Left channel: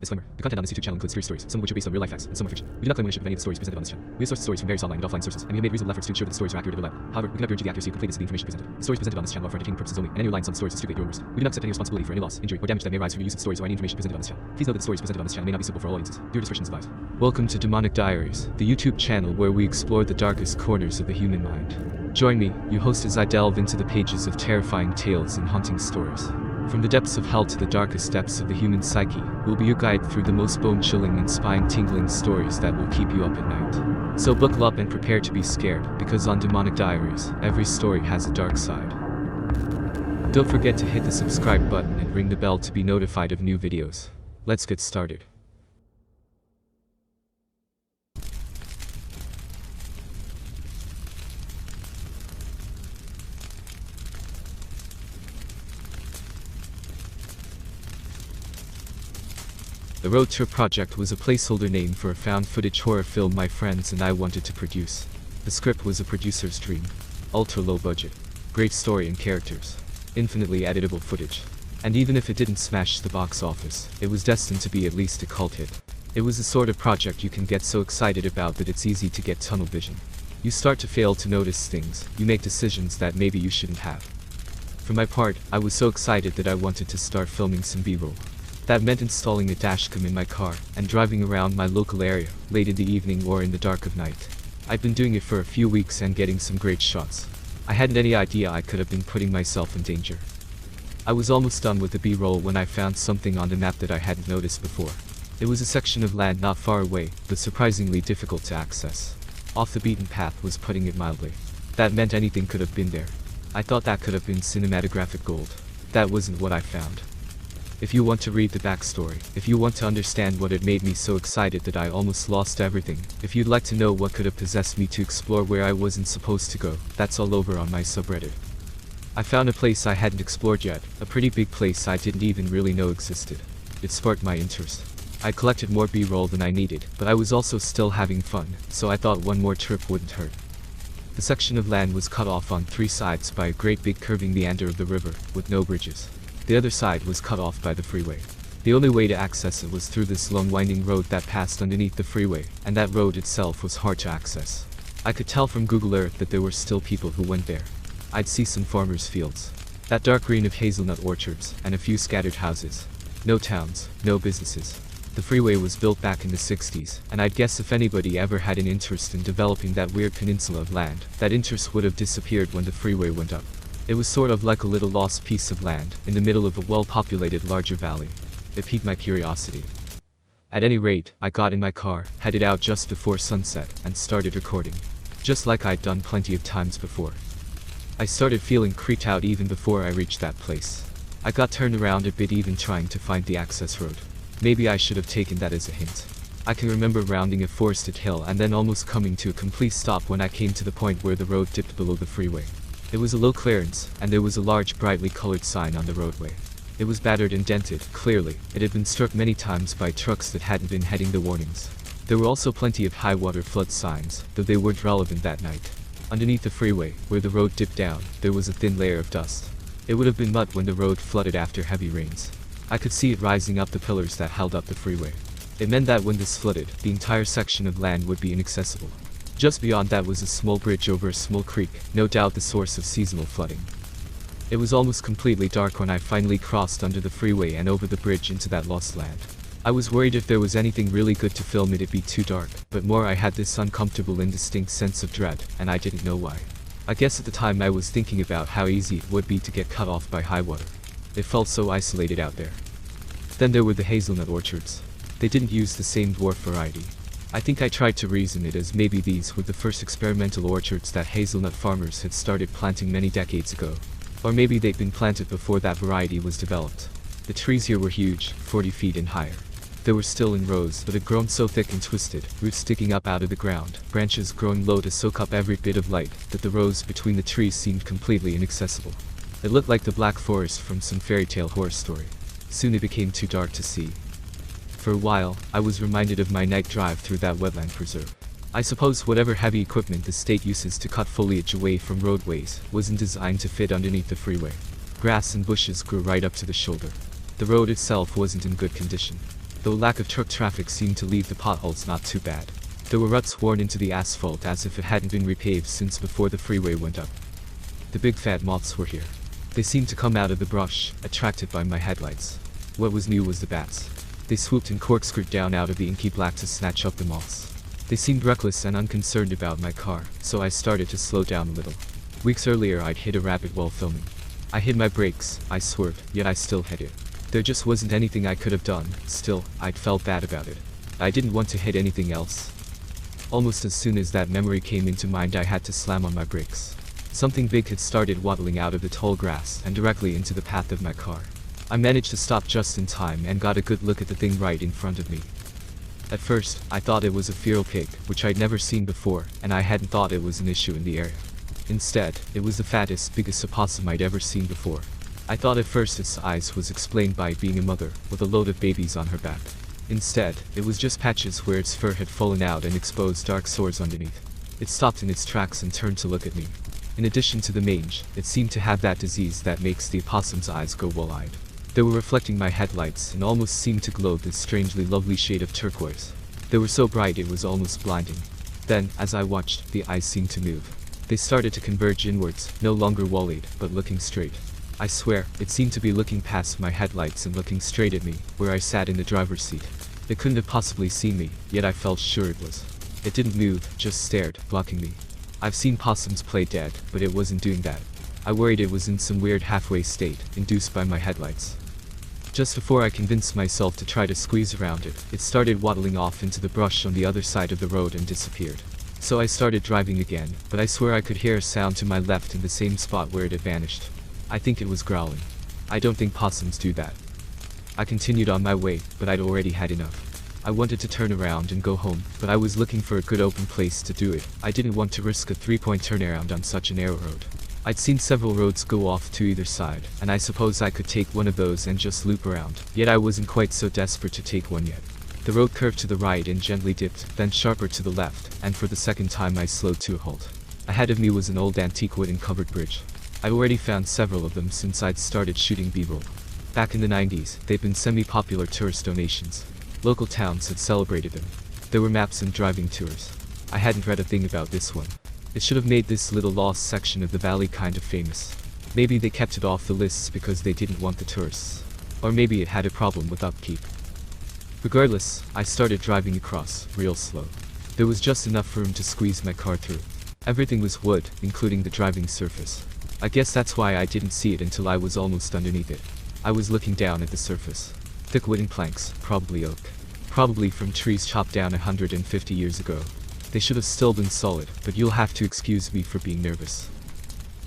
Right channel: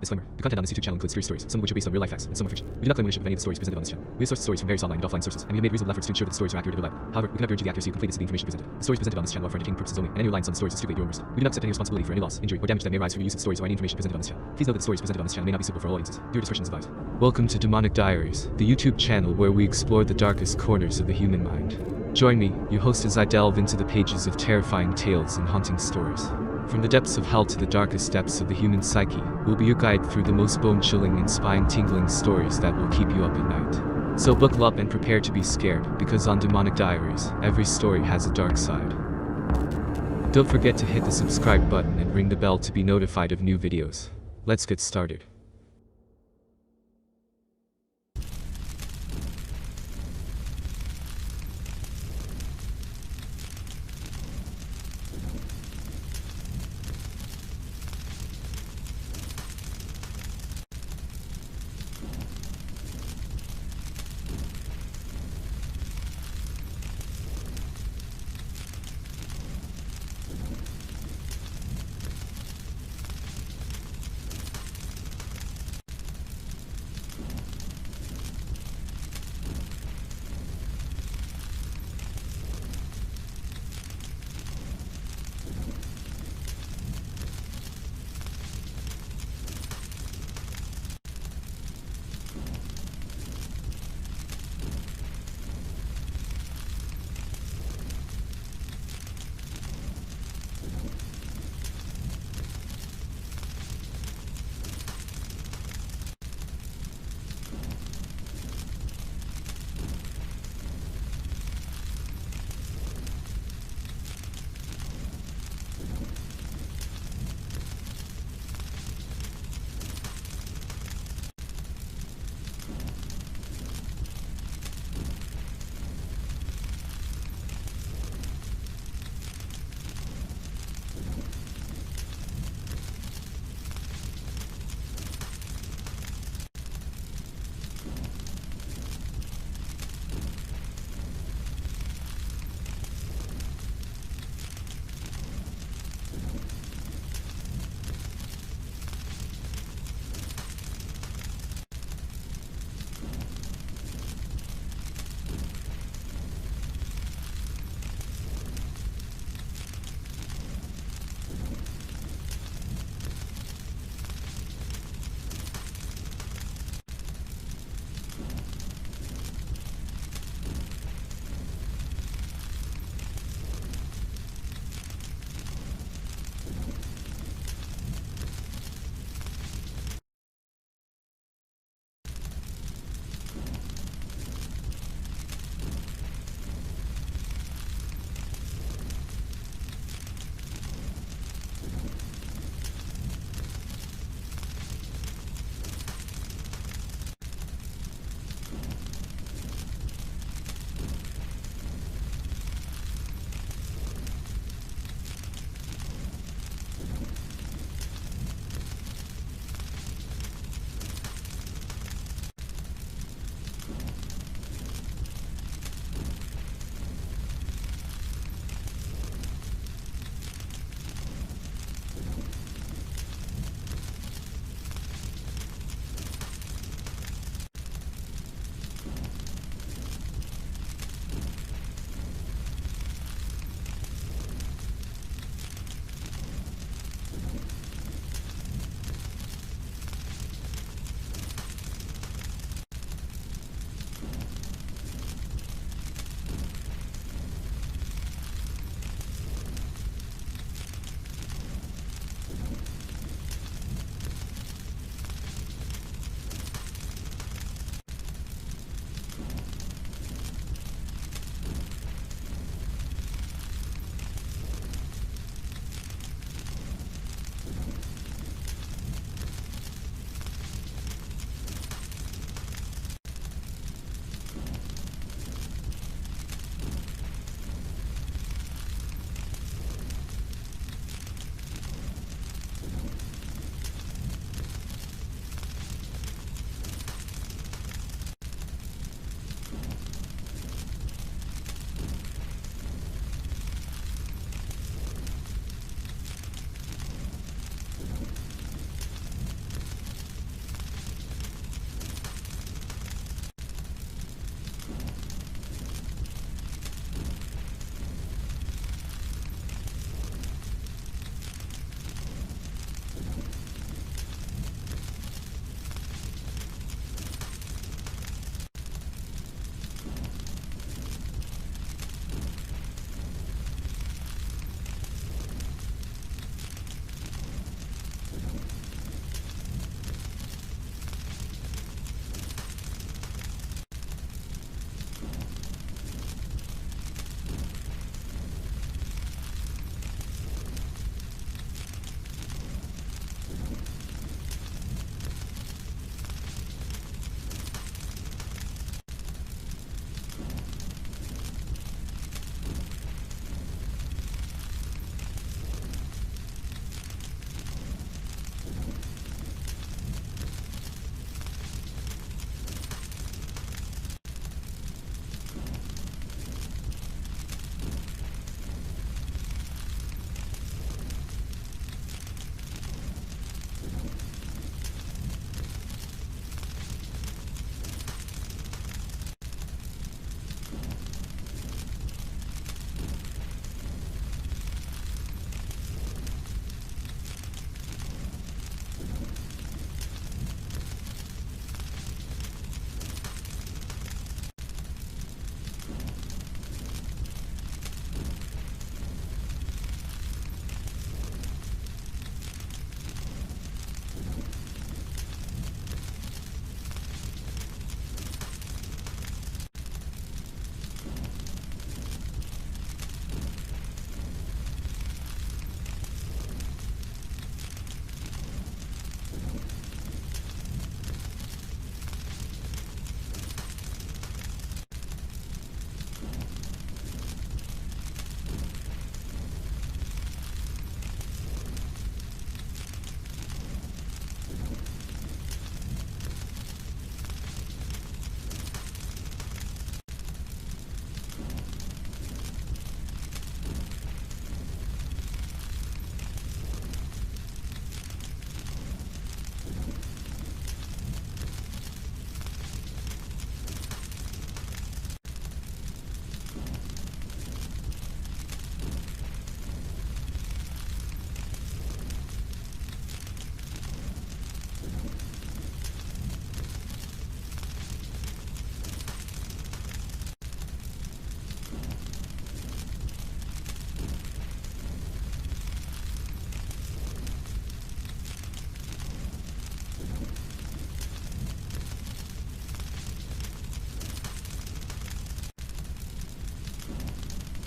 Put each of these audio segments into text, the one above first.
Disclaimer. The content on this YouTube channel includes true stories, some of which are based on real life facts, and some are fiction. We do not claim ownership of any of the stories presented on this channel. We have sourced stories from various online and offline sources, and we have made reasonable efforts to ensure that the stories are accurate and reliable. However, we cannot guarantee the accuracy or completeness of the information presented. The stories presented on this channel are for entertainment purposes only, and any reliance on the stories is strictly at your own risk. We do not accept any responsibility for any loss, injury, or damage that may arise from your use of the stories or any information presented on this channel. Please note that the stories presented on this channel may not be suitable for all audiences. Viewer discretion is advised. Welcome to Demonic Diaries, the YouTube channel where we explore the darkest corners of the human mind. Join me, your host, as I delve into the pages of terrifying tales and haunting stories. From the depths of hell to the darkest depths of the human psyche, we'll be your guide through the most bone-chilling and spine-tingling stories that will keep you up at night. So buckle up and prepare to be scared, because on Demonic Diaries, every story has a dark side. Don't forget to hit the subscribe button and ring the bell to be notified of new videos. Let's get started. The Road Tour project was a placeholder name for a found footage horror film my friends and I wanted to produce. The script was a producer's dream. Ultra low budget. Great story and characters. Infinitely editable footage. And even if it didn't smash the box office, it was destined to be at least a cult hit. It was the sort of project you can get so excited about that it's easy to get tunnel vision. You start to fail to notice things, you make decisions that maybe you shouldn't have. For my part, I was so excited that I wanted to start filming some B-roll. That meant installing a dashcam in my car and driving around my local area, late in the evening or in the dark of night. I'd been doing it for a few weeks and getting some great shots. I hadn't any idea I could have been putting myself in danger. I was almost done with the B-roll when I found something on the map that I hadn't noticed before. It was a section of land not far away, but surprisingly difficult to access. Off the beaten path was putting it mildly. That meant anything could have been there. I thought that could have been cinematographic gold. That wasn't what I found. If you want to read the backstory, if you want to understand what had made me so excited that I almost lost everything, if you'd like to know what could have possessed me to explore where I wasn't supposed to go, that's all over on my subreddit. I found a place I hadn't explored yet, a pretty big place I didn't even really know existed. It sparked my interest. I collected more B-roll than I needed, but I was also still having fun, so I thought one more trip wouldn't hurt. The section of land was cut off on three sides by a great big curving meander of the river, with no bridges. The other side was cut off by the freeway. The only way to access it was through this long winding road that passed underneath the freeway, and that road itself was hard to access. I could tell from Google Earth that there were still people who went there. I'd see some farmers' fields. That dark green of hazelnut orchards, and a few scattered houses. No towns, no businesses. The freeway was built back in the 60s, and I'd guess if anybody ever had an interest in developing that weird peninsula of land, that interest would have disappeared when the freeway went up. It was sort of like a little lost piece of land, in the middle of a well-populated larger valley. It piqued my curiosity. At any rate, I got in my car, headed out just before sunset, and started recording. Just like I'd done plenty of times before. I started feeling creeped out even before I reached that place. I got turned around a bit even trying to find the access road. Maybe I should have taken that as a hint. I can remember rounding a forested hill and then almost coming to a complete stop when I came to the point where the road dipped below the freeway. It was a low clearance, and there was a large brightly colored sign on the roadway. It was battered and dented, clearly. It had been struck many times by trucks that hadn't been heading the warnings. There were also plenty of high water flood signs, though they weren't relevant that night. Underneath the freeway, where the road dipped down, there was a thin layer of dust. It would have been mud when the road flooded after heavy rains. I could see it rising up the pillars that held up the freeway. It meant that when this flooded, the entire section of land would be inaccessible. Just beyond that was a small bridge over a small creek, no doubt the source of seasonal flooding. It was almost completely dark when I finally crossed under the freeway and over the bridge into that lost land. I was worried if there was anything really good to film it'd be too dark, but more I had this uncomfortable and distinct sense of dread, and I didn't know why. I guess at the time I was thinking about how easy it would be to get cut off by high water. It felt so isolated out there. Then there were the hazelnut orchards. They didn't use the same dwarf variety. I think I tried to reason it as maybe these were the first experimental orchards that hazelnut farmers had started planting many decades ago. Or maybe they'd been planted before that variety was developed. The trees here were huge, 40 feet and higher. They were still in rows, but had grown so thick and twisted, roots sticking up out of the ground, branches growing low to soak up every bit of light, that the rows between the trees seemed completely inaccessible. It looked like the Black Forest from some fairy tale horror story. Soon it became too dark to see. For a while, I was reminded of my night drive through that wetland preserve. I suppose whatever heavy equipment the state uses to cut foliage away from roadways wasn't designed to fit underneath the freeway. Grass and bushes grew right up to the shoulder. The road itself wasn't in good condition. though lack of truck traffic seemed to leave the potholes not too bad. There were ruts worn into the asphalt as if it hadn't been repaved since before the freeway went up. The big fat moths were here. They seemed to come out of the brush, attracted by my headlights. What was new was the bats. They swooped and corkscrewed down out of the inky black to snatch up the moths. They seemed reckless and unconcerned about my car, so I started to slow down a little. Weeks earlier I'd hit a rabbit while filming. I hit my brakes, I swerved, yet I still hit it. There just wasn't anything I could have done. Still, I'd felt bad about it. I didn't want to hit anything else. Almost as soon as that memory came into mind I had to slam on my brakes. Something big had started waddling out of the tall grass and directly into the path of my car. I managed to stop just in time and got a good look at the thing right in front of me. At first, I thought it was a feral pig, which I'd never seen before, and I hadn't thought it was an issue in the area. Instead, it was the fattest, biggest opossum I'd ever seen before. I thought at first its size was explained by it being a mother, with a load of babies on her back. Instead, it was just patches where its fur had fallen out and exposed dark sores underneath. It stopped in its tracks and turned to look at me. In addition to the mange, it seemed to have that disease that makes the opossum's eyes go wall-eyed. They were reflecting my headlights and almost seemed to glow this strangely lovely shade of turquoise. They were so bright it was almost blinding. Then, as I watched, the eyes seemed to move. They started to converge inwards, no longer wall-eyed, but looking straight. I swear, it seemed to be looking past my headlights and looking straight at me, where I sat in the driver's seat. It couldn't have possibly seen me, yet I felt sure it was. It didn't move, just stared, blocking me. I've seen possums play dead, but it wasn't doing that. I worried it was in some weird halfway state, induced by my headlights. Just before I convinced myself to try to squeeze around it, it started waddling off into the brush on the other side of the road and disappeared. So I started driving again, but I swear I could hear a sound to my left in the same spot where it had vanished. I think it was growling. I don't think possums do that. I continued on my way, but I'd already had enough. I wanted to turn around and go home, but I was looking for a good open place to do it. I didn't want to risk a 3-point turnaround on such a narrow road. I'd seen several roads go off to either side, and I suppose I could take one of those and just loop around, yet I wasn't quite so desperate to take one yet. The road curved to the right and gently dipped, then sharper to the left, and for the second time I slowed to a halt. Ahead of me was an old antique wooden covered bridge. I'd already found several of them since I'd started shooting B-roll. Back in the 90s, they'd been semi-popular tourist donations. Local towns had celebrated them. There were maps and driving tours. I hadn't read a thing about this one. It should have made this little lost section of the valley kind of famous. Maybe they kept it off the lists because they didn't want the tourists. Or maybe it had a problem with upkeep. Regardless, I started driving across, real slow. There was just enough room to squeeze my car through. Everything was wood, including the driving surface. I guess that's why I didn't see it until I was almost underneath it. I was looking down at the surface. Thick wooden planks, probably oak. Probably from trees chopped down 150 years ago. They should have still been solid, but you'll have to excuse me for being nervous.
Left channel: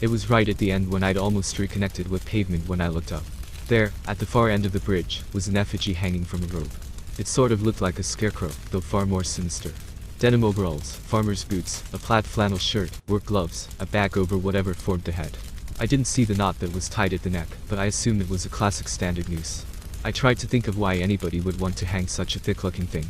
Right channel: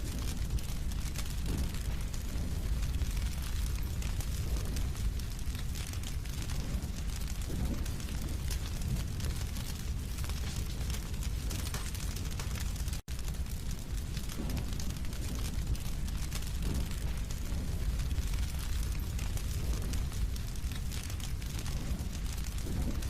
It was right at the end when I'd almost reconnected with pavement when I looked up. There, at the far end of the bridge, was an effigy hanging from a rope. It sort of looked like a scarecrow, though far more sinister. Denim overalls, farmer's boots, a plaid flannel shirt, work gloves, a bag over whatever formed the head. I didn't see the knot that was tied at the neck, but I assumed it was a classic standard noose. I tried to think of why anybody would want to hang such a thick-looking thing.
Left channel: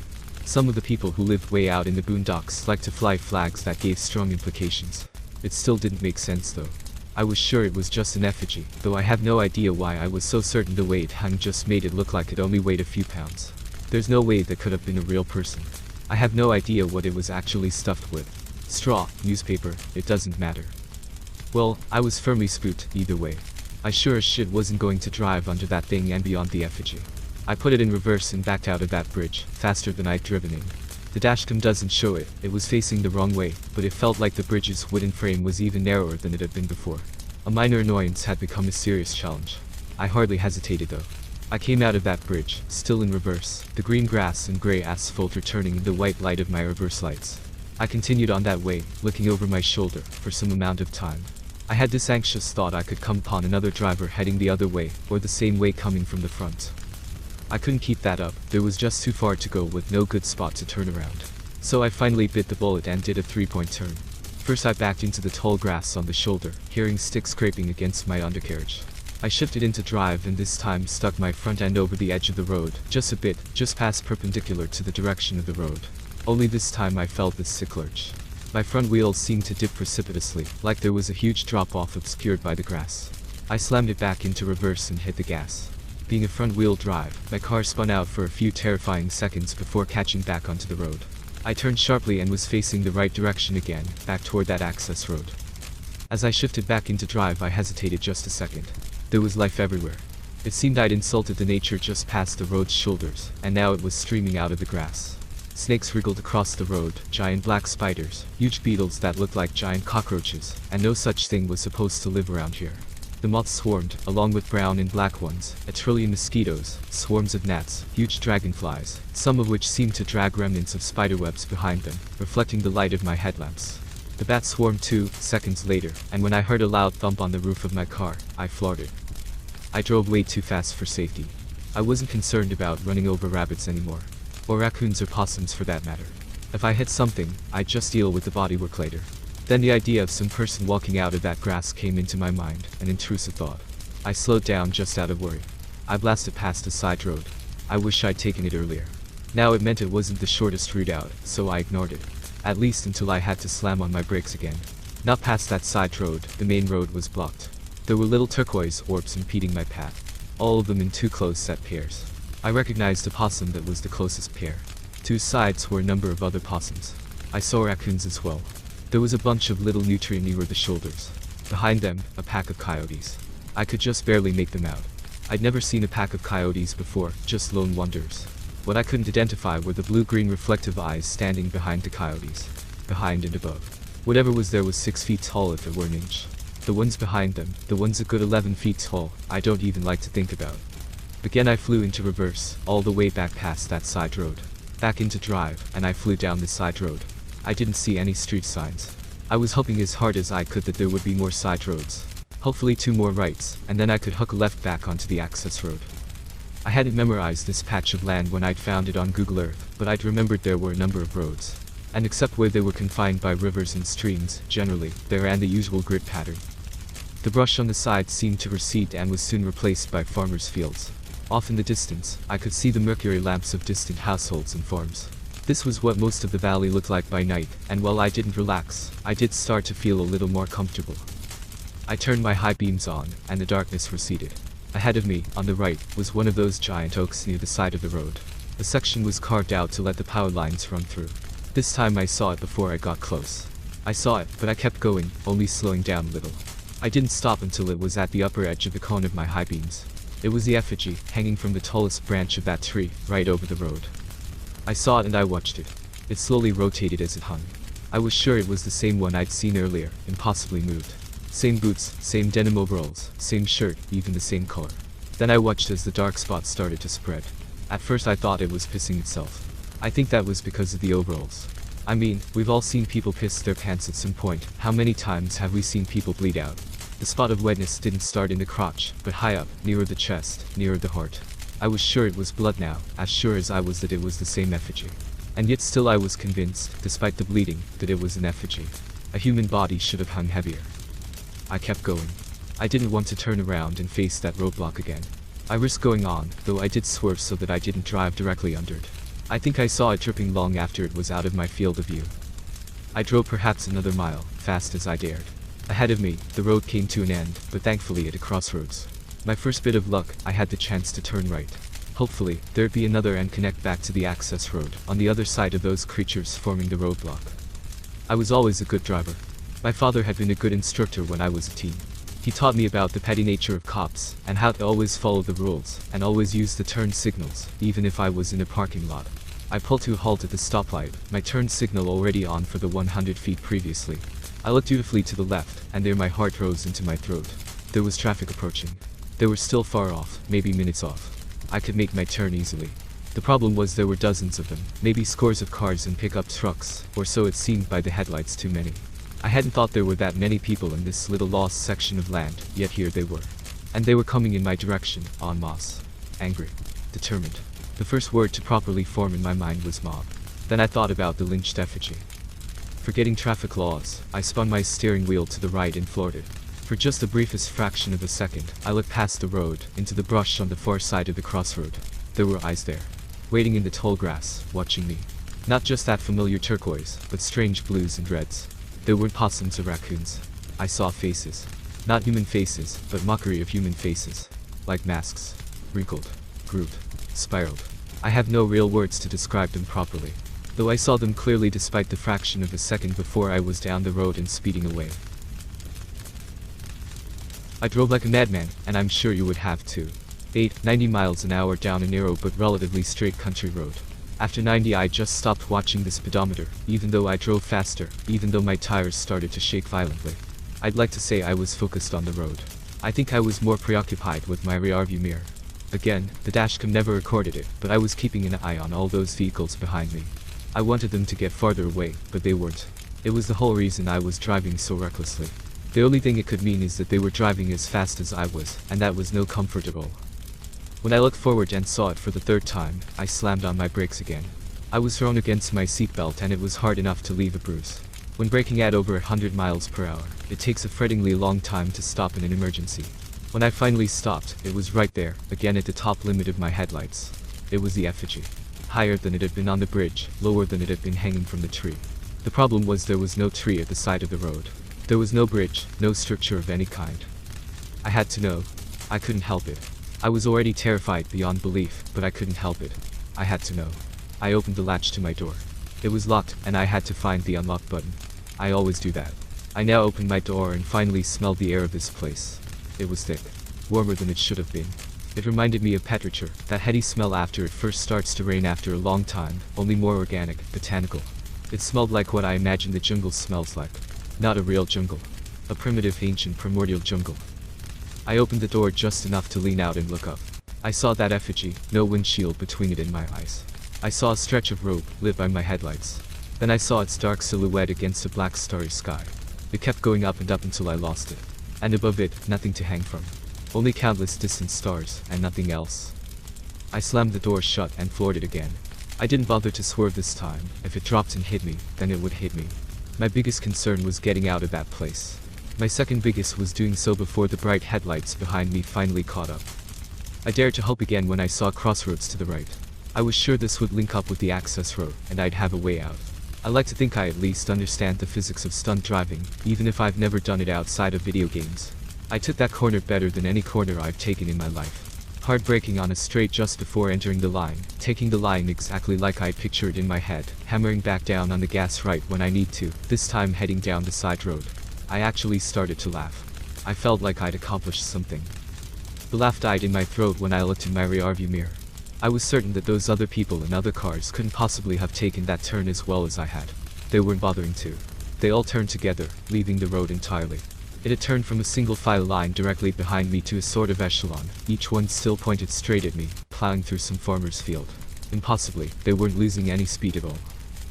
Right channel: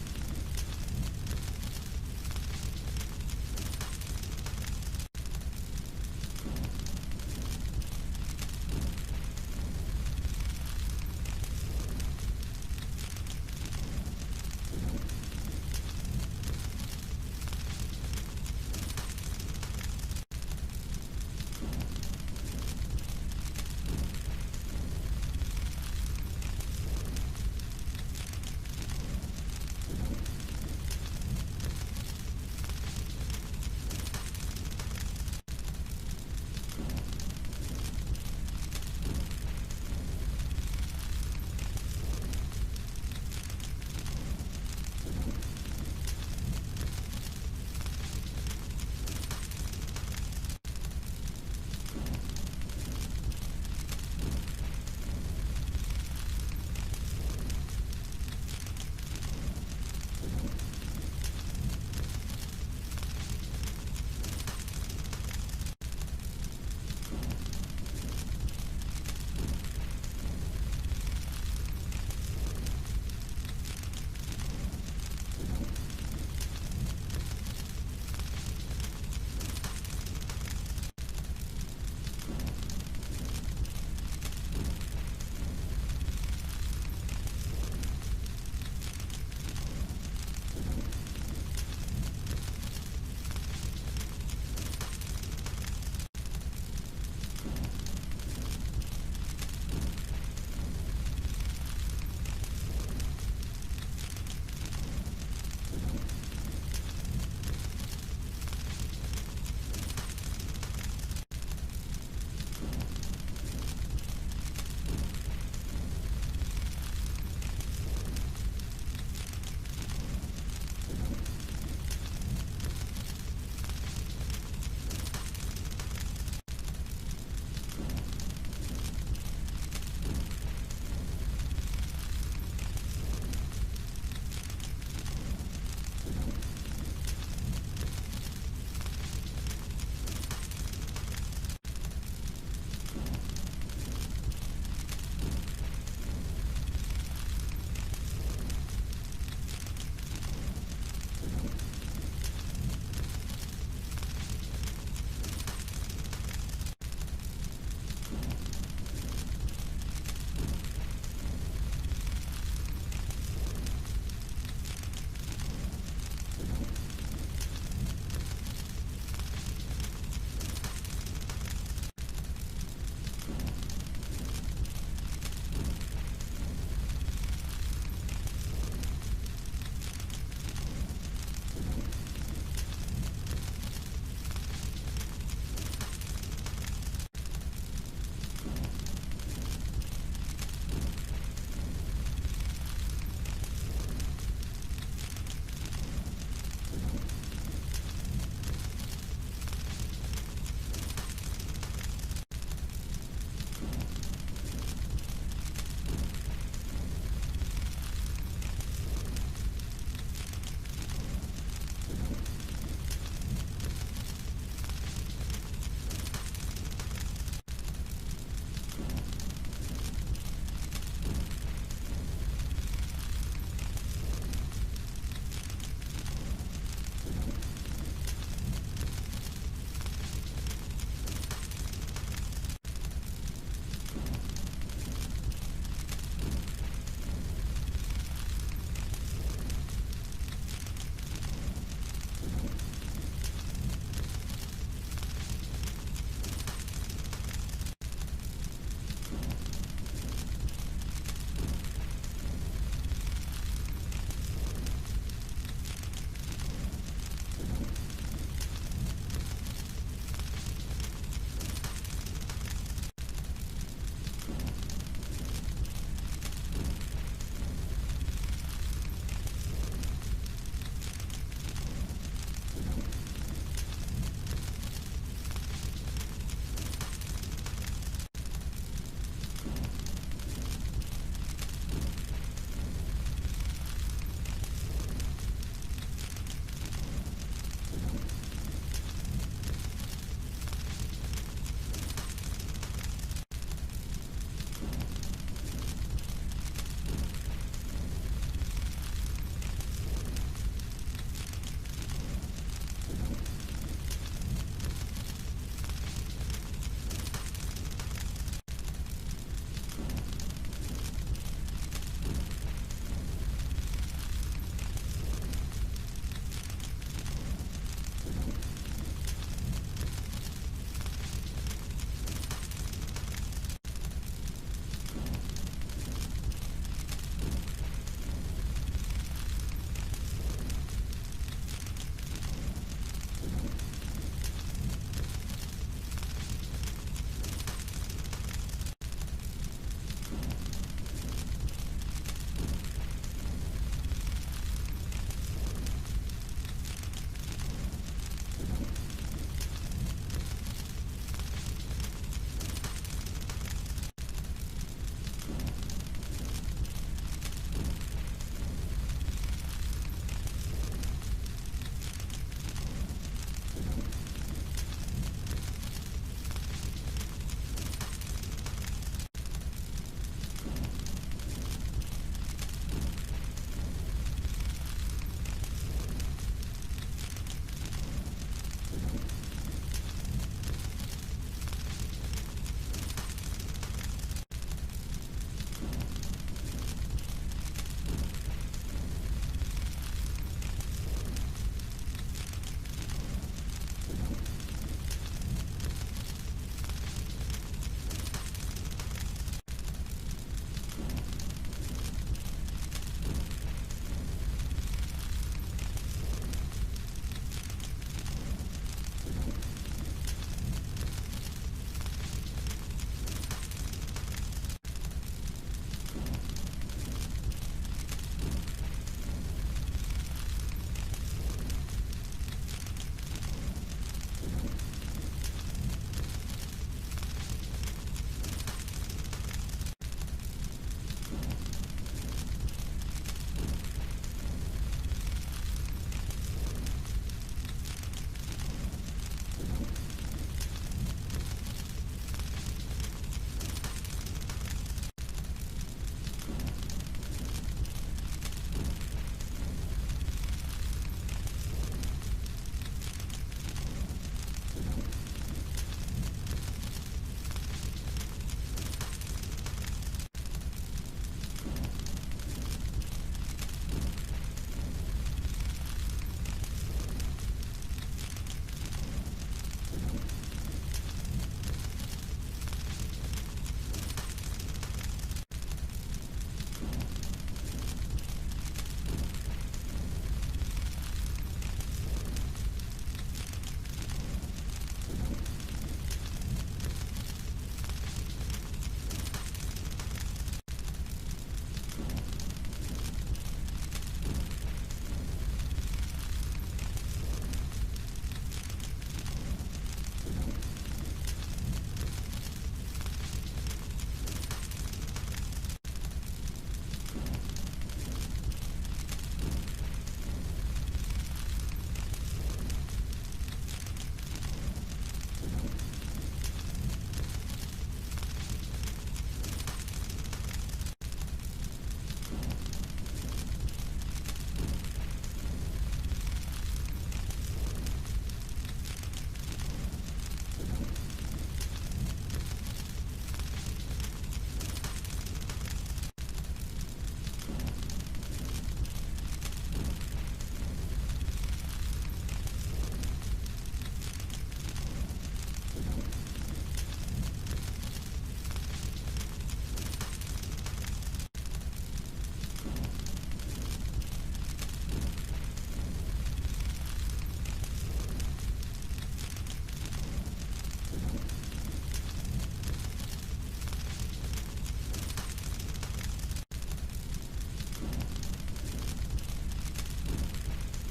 Some of the people who lived way out in the boondocks liked to fly flags that gave strong implications. It still didn't make sense though. I was sure it was just an effigy, though I have no idea why I was so certain the way it hung just made it look like it only weighed a few pounds. There's no way that could have been a real person. I have no idea what it was actually stuffed with. Straw, newspaper, it doesn't matter. Well, I was firmly spooked either way. I sure as shit wasn't going to drive under that thing and beyond the effigy. I put it in reverse and backed out of that bridge, faster than I'd driven in. The dashcam doesn't show it, it was facing the wrong way, but it felt like the bridge's wooden frame was even narrower than it had been before. A minor annoyance had become a serious challenge. I hardly hesitated though. I came out of that bridge, still in reverse, the green grass and grey asphalt returning in the white light of my reverse lights. I continued on that way, looking over my shoulder, for some amount of time. I had this anxious thought I could come upon another driver heading the other way, or the same way coming from the front. I couldn't keep that up, there was just too far to go with no good spot to turn around. So I finally bit the bullet and did a 3-point turn. First I backed into the tall grass on the shoulder, hearing sticks scraping against my undercarriage. I shifted into drive and this time stuck my front end over the edge of the road, just a bit, just past perpendicular to the direction of the road. Only this time I felt the sick lurch. My front wheels seemed to dip precipitously, like there was a huge drop-off obscured by the grass. I slammed it back into reverse and hit the gas. Being a front-wheel drive, my car spun out for a few terrifying seconds before catching back onto the road. I turned sharply and was facing the right direction again, back toward that access road. As I shifted back into drive, I hesitated just a second. There was life everywhere. It seemed I'd insulted the nature just past the road's shoulders, and now it was streaming out of the grass. Snakes wriggled across the road, giant black spiders, huge beetles that looked like giant cockroaches, and no such thing was supposed to live around here. The moths swarmed, along with brown and black ones, a trillion mosquitoes, swarms of gnats, huge dragonflies, some of which seemed to drag remnants of spiderwebs behind them, reflecting the light of my headlamps. The bats swarmed 2 seconds later, and when I heard a loud thump on the roof of my car, I floored it. I drove way too fast for safety. I wasn't concerned about running over rabbits anymore. Or raccoons or possums for that matter. If I hit something, I'd just deal with the bodywork later. Then the idea of some person walking out of that grass came into my mind, an intrusive thought. I slowed down just out of worry. I blasted past a side road. I wish I'd taken it earlier. Now it meant it wasn't the shortest route out, so I ignored it. At least until I had to slam on my brakes again. Not past that side road, the main road was blocked. There were little turquoise orbs impeding my path. All of them in 2 close set pairs. I recognized a possum that was the closest pair. To his sides were a number of other possums. I saw raccoons as well. There was a bunch of little nutria near the shoulders. Behind them, a pack of coyotes. I could just barely make them out. I'd never seen a pack of coyotes before, just lone wonders. What I couldn't identify were the blue-green reflective eyes standing behind the coyotes. Behind and above. Whatever was there was 6 feet tall if it were an inch. The ones behind them, the ones a good 11 feet tall, I don't even like to think about. Again I flew into reverse, all the way back past that side road. Back into drive, and I flew down the side road. I didn't see any street signs. I was hoping as hard as I could that there would be more side roads. Hopefully 2 more rights, and then I could hook left back onto the access road. I hadn't memorized this patch of land when I'd found it on Google Earth, but I'd remembered there were a number of roads. And except where they were confined by rivers and streams, generally, they ran the usual grid pattern. The brush on the sides seemed to recede and was soon replaced by farmers' fields. Off in the distance, I could see the mercury lamps of distant households and farms. This was what most of the valley looked like by night, and while I didn't relax, I did start to feel a little more comfortable. I turned my high beams on, and the darkness receded. Ahead of me, on the right, was one of those giant oaks near the side of the road. A section was carved out to let the power lines run through. This time I saw it before I got close. I saw it, but I kept going, only slowing down a little. I didn't stop until it was at the upper edge of the cone of my high beams. It was the effigy, hanging from the tallest branch of that tree, right over the road. I saw it and I watched it. It slowly rotated as it hung. I was sure it was the same one I'd seen earlier, and possibly moved. Same boots, same denim overalls, same shirt, even the same color. Then I watched as the dark spots started to spread. At first I thought it was pissing itself. I think that was because of the overalls. I mean, we've all seen people piss their pants at some point. How many times have we seen people bleed out? The spot of wetness didn't start in the crotch, but high up, nearer the chest, nearer the heart. I was sure it was blood now, as sure as I was that it was the same effigy. And yet still I was convinced, despite the bleeding, that it was an effigy. A human body should have hung heavier. I kept going. I didn't want to turn around and face that roadblock again. I risked going on, though I did swerve so that I didn't drive directly under it. I think I saw it dripping long after it was out of my field of view. I drove perhaps another mile, fast as I dared. Ahead of me, the road came to an end, but thankfully at a crossroads. My first bit of luck, I had the chance to turn right. Hopefully, there'd be another and connect back to the access road, on the other side of those creatures forming the roadblock. I was always a good driver. My father had been a good instructor when I was a teen. He taught me about the petty nature of cops, and how to always follow the rules, and always use the turn signals, even if I was in a parking lot. I pulled to a halt at the stoplight, my turn signal already on for the 100 feet previously. I looked dutifully to the left, and there my heart rose into my throat. There was traffic approaching. They were still far off, maybe minutes off. I could make my turn easily. The problem was there were dozens of them, maybe scores of cars and pickup trucks, or so it seemed by the headlights, too many. I hadn't thought there were that many people in this little lost section of land, yet here they were. And they were coming in my direction, en masse. Angry. Determined. The first word to properly form in my mind was mob. Then I thought about the lynched effigy. Forgetting traffic laws, I spun my steering wheel to the right and floored it. For just the briefest fraction of a second, I looked past the road, into the brush on the far side of the crossroad. There were eyes there. Waiting in the tall grass, watching me. Not just that familiar turquoise, but strange blues and reds. There were possums or raccoons. I saw faces. Not human faces, but mockery of human faces. Like masks. wrinkled, grooved, spiraled. I have no real words to describe them properly, though I saw them clearly despite the fraction of a second before I was down the road and speeding away. I drove like a madman, and I'm sure you would have too. 90 miles an hour down a narrow but relatively straight country road. After 90 I just stopped watching the speedometer, even though I drove faster, even though my tires started to shake violently. I'd like to say I was focused on the road. I think I was more preoccupied with my rearview mirror. Again, the dashcam never recorded it, but I was keeping an eye on all those vehicles behind me. I wanted them to get farther away, but they weren't. It was the whole reason I was driving so recklessly. The only thing it could mean is that they were driving as fast as I was, and that was no comfort at all. When I looked forward and saw it for the third time, I slammed on my brakes again. I was thrown against my seatbelt and it was hard enough to leave a bruise. When braking at over 100 miles per hour, it takes a frettingly long time to stop in an emergency. When I finally stopped, it was right there, again at the top limit of my headlights. It was the effigy. Higher than it had been on the bridge, lower than it had been hanging from the tree. The problem was there was no tree at the side of the road. There was no bridge, no structure of any kind. I had to know. I couldn't help it. I was already terrified beyond belief, but I couldn't help it. I had to know. I opened the latch to my door. It was locked, and I had to find the unlock button. I always do that. I now opened my door and finally smelled the air of this place. It was thick. Warmer than it should have been. It reminded me of petrichor, that heady smell after it first starts to rain after a long time, only more organic, botanical. It smelled like what I imagine the jungle smells like. Not a real jungle. A primitive, ancient, primordial jungle. I opened the door just enough to lean out and look up. I saw that effigy, no windshield between it and my eyes. I saw a stretch of road, lit by my headlights. Then I saw its dark silhouette against a black starry sky. It kept going up and up until I lost it. And above it, nothing to hang from. Only countless distant stars, and nothing else. I slammed the door shut and floored it again. I didn't bother to swerve this time. If it dropped and hit me, then it would hit me. My biggest concern was getting out of that place. My second biggest was doing so before the bright headlights behind me finally caught up. I dared to hope again when I saw crossroads to the right. I was sure this would link up with the access road, and I'd have a way out. I like to think I at least understand the physics of stunt driving, even if I've never done it outside of video games. I took that corner better than any corner I've taken in my life. Hard braking on a straight just before entering the line, taking the line exactly like I pictured in my head, hammering back down on the gas right when I need to, this time heading down the side road. I actually started to laugh. I felt like I'd accomplished something. The laugh died in my throat when I looked in my rearview mirror. I was certain that those other people in other cars couldn't possibly have taken that turn as well as I had. They weren't bothering to. They all turned together, leaving the road entirely. It had turned from a single file line directly behind me to a sort of echelon, each one still pointed straight at me, plowing through some farmer's field. Impossibly, they weren't losing any speed at all.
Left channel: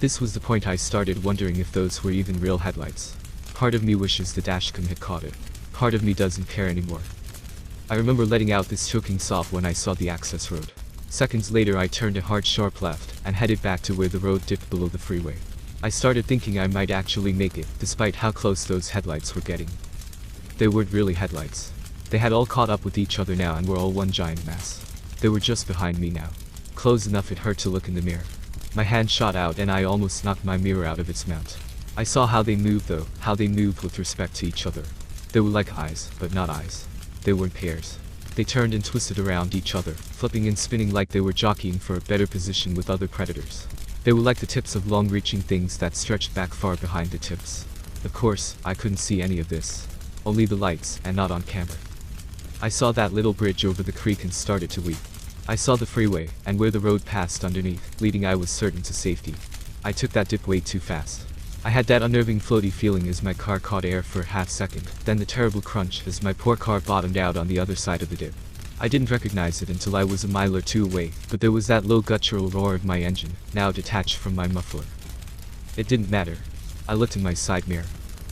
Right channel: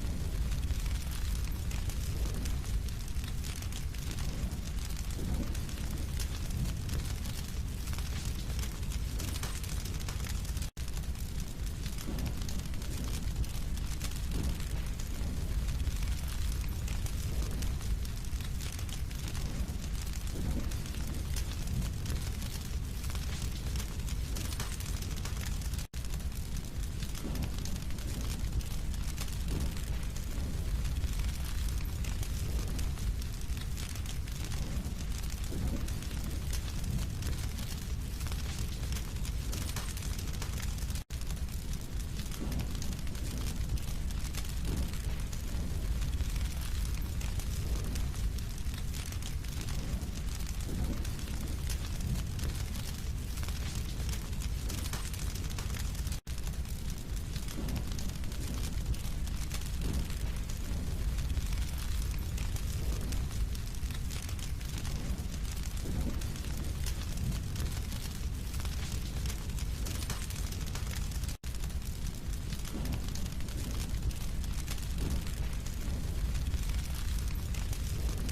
This was the point I started wondering if those were even real headlights. Part of me wishes the dashcam had caught it. Part of me doesn't care anymore. I remember letting out this choking sob when I saw the access road. Seconds later I turned a hard sharp left, and headed back to where the road dipped below the freeway. I started thinking I might actually make it, despite how close those headlights were getting. They weren't really headlights. They had all caught up with each other now and were all one giant mass. They were just behind me now. Close enough it hurt to look in the mirror. My hand shot out and I almost knocked my mirror out of its mount. I saw how they moved though, how they moved with respect to each other. They were like eyes, but not eyes. They weren't pairs. They turned and twisted around each other, flipping and spinning like they were jockeying for a better position with other predators. They were like the tips of long-reaching things that stretched back far behind the tips. Of course, I couldn't see any of this. Only the lights, and not on camera. I saw that little bridge over the creek and started to weep. I saw the freeway, and where the road passed underneath, leading I was certain to safety. I took that dip way too fast. I had that unnerving floaty feeling as my car caught air for a half second, then the terrible crunch as my poor car bottomed out on the other side of the dip. I didn't recognize it until I was a mile or two away, but there was that low guttural roar of my engine, now detached from my muffler. It didn't matter. I looked in my side mirror.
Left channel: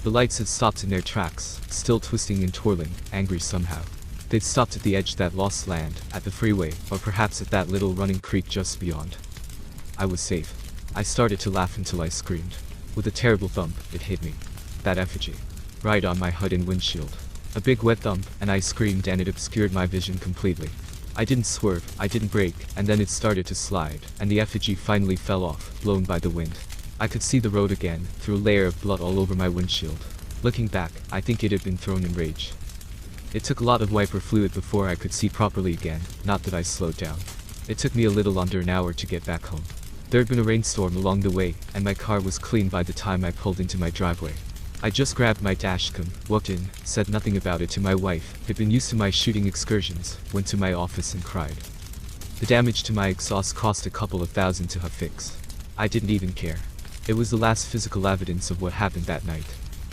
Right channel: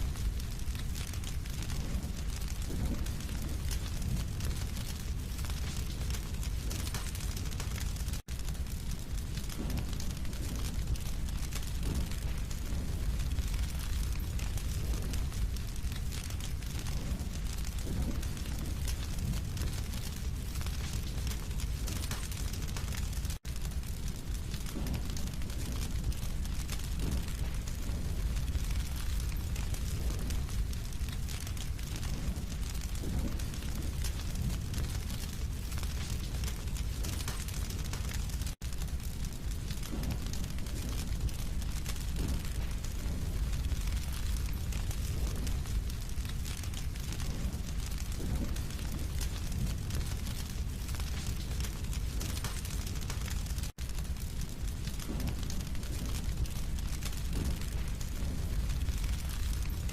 The lights had stopped in their tracks, still twisting and twirling, angry somehow. They'd stopped at the edge that lost land, at the freeway, or perhaps at that little running creek just beyond. I was safe. I started to laugh until I screamed. With a terrible thump, it hit me. That effigy. Right on my hood and windshield. A big wet thump, and I screamed and it obscured my vision completely. I didn't swerve, I didn't brake, and then it started to slide, and the effigy finally fell off, blown by the wind. I could see the road again, through a layer of blood all over my windshield. Looking back, I think it had been thrown in rage. It took a lot of wiper fluid before I could see properly again, not that I slowed down. It took me a little under an hour to get back home. There had been a rainstorm along the way, and my car was clean by the time I pulled into my driveway. I just grabbed my dashcam, walked in, said nothing about it to my wife, who'd been used to my shooting excursions, went to my office and cried. The damage to my exhaust cost a couple of $1,000 to have fixed. I didn't even care. It was the last physical evidence of what happened that night.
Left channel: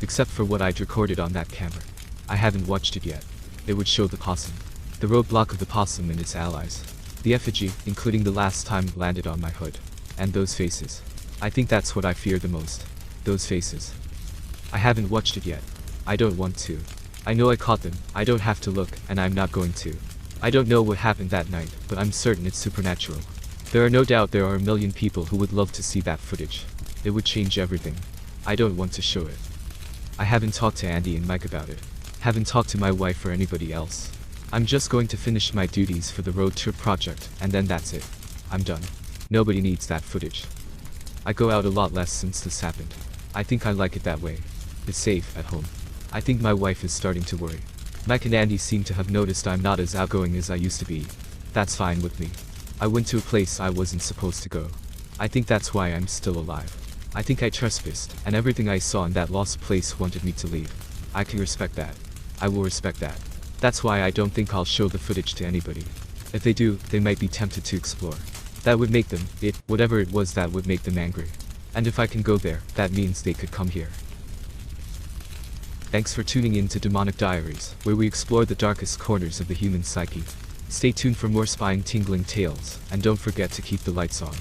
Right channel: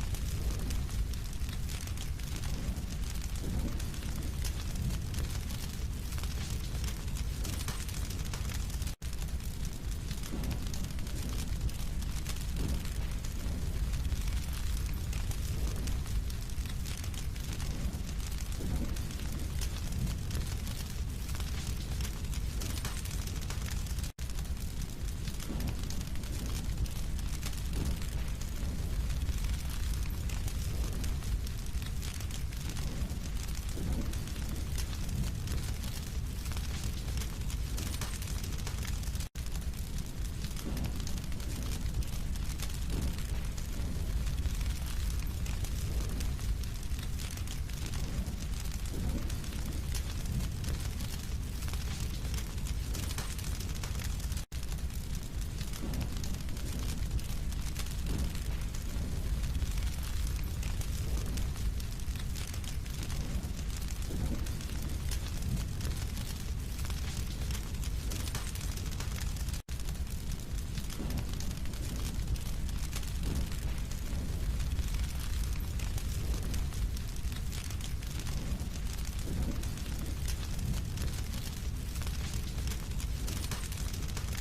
Except for what I'd recorded on that camera. I haven't watched it yet. It would show the possum. The roadblock of the possum and its allies. The effigy, including the last time it landed on my hood. And those faces. I think that's what I fear the most. Those faces. I haven't watched it yet. I don't want to. I know I caught them, I don't have to look, and I'm not going to. I don't know what happened that night, but I'm certain it's supernatural. There are no doubt there are a million people who would love to see that footage. It would change everything. I don't want to show it. I haven't talked to Andy and Mike about it. Haven't talked to my wife or anybody else. I'm just going to finish my duties for the road trip project, and then that's it. I'm done. Nobody needs that footage. I go out a lot less since this happened. I think I like it that way. It's safe at home. I think my wife is starting to worry. Mike and Andy seem to have noticed I'm not as outgoing as I used to be. That's fine with me. I went to a place I wasn't supposed to go. I think that's why I'm still alive. I think I trespassed, and everything I saw in that lost place wanted me to leave. I can respect that. I will respect that. That's why I don't think I'll show the footage to anybody. If they do, they might be tempted to explore. That would make them, whatever it was that would make them angry. And if I can go there, that means they could come here. Thanks for tuning in to Demonic Diaries, where we explore the darkest corners of the human psyche. Stay tuned for more spine-tingling tales, and don't forget to keep the lights on.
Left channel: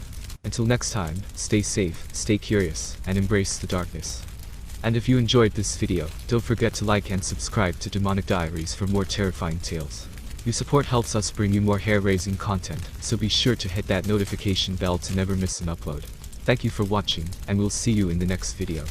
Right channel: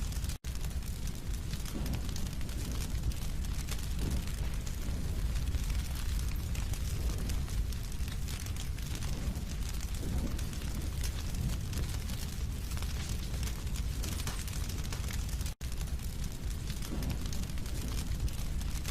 Until next time, stay safe, stay curious, and embrace the darkness. And if you enjoyed this video, don't forget to like and subscribe to Demonic Diaries for more terrifying tales. Your support helps us bring you more hair-raising content, so be sure to hit that notification bell to never miss an upload. Thank you for watching, and we'll see you in the next video.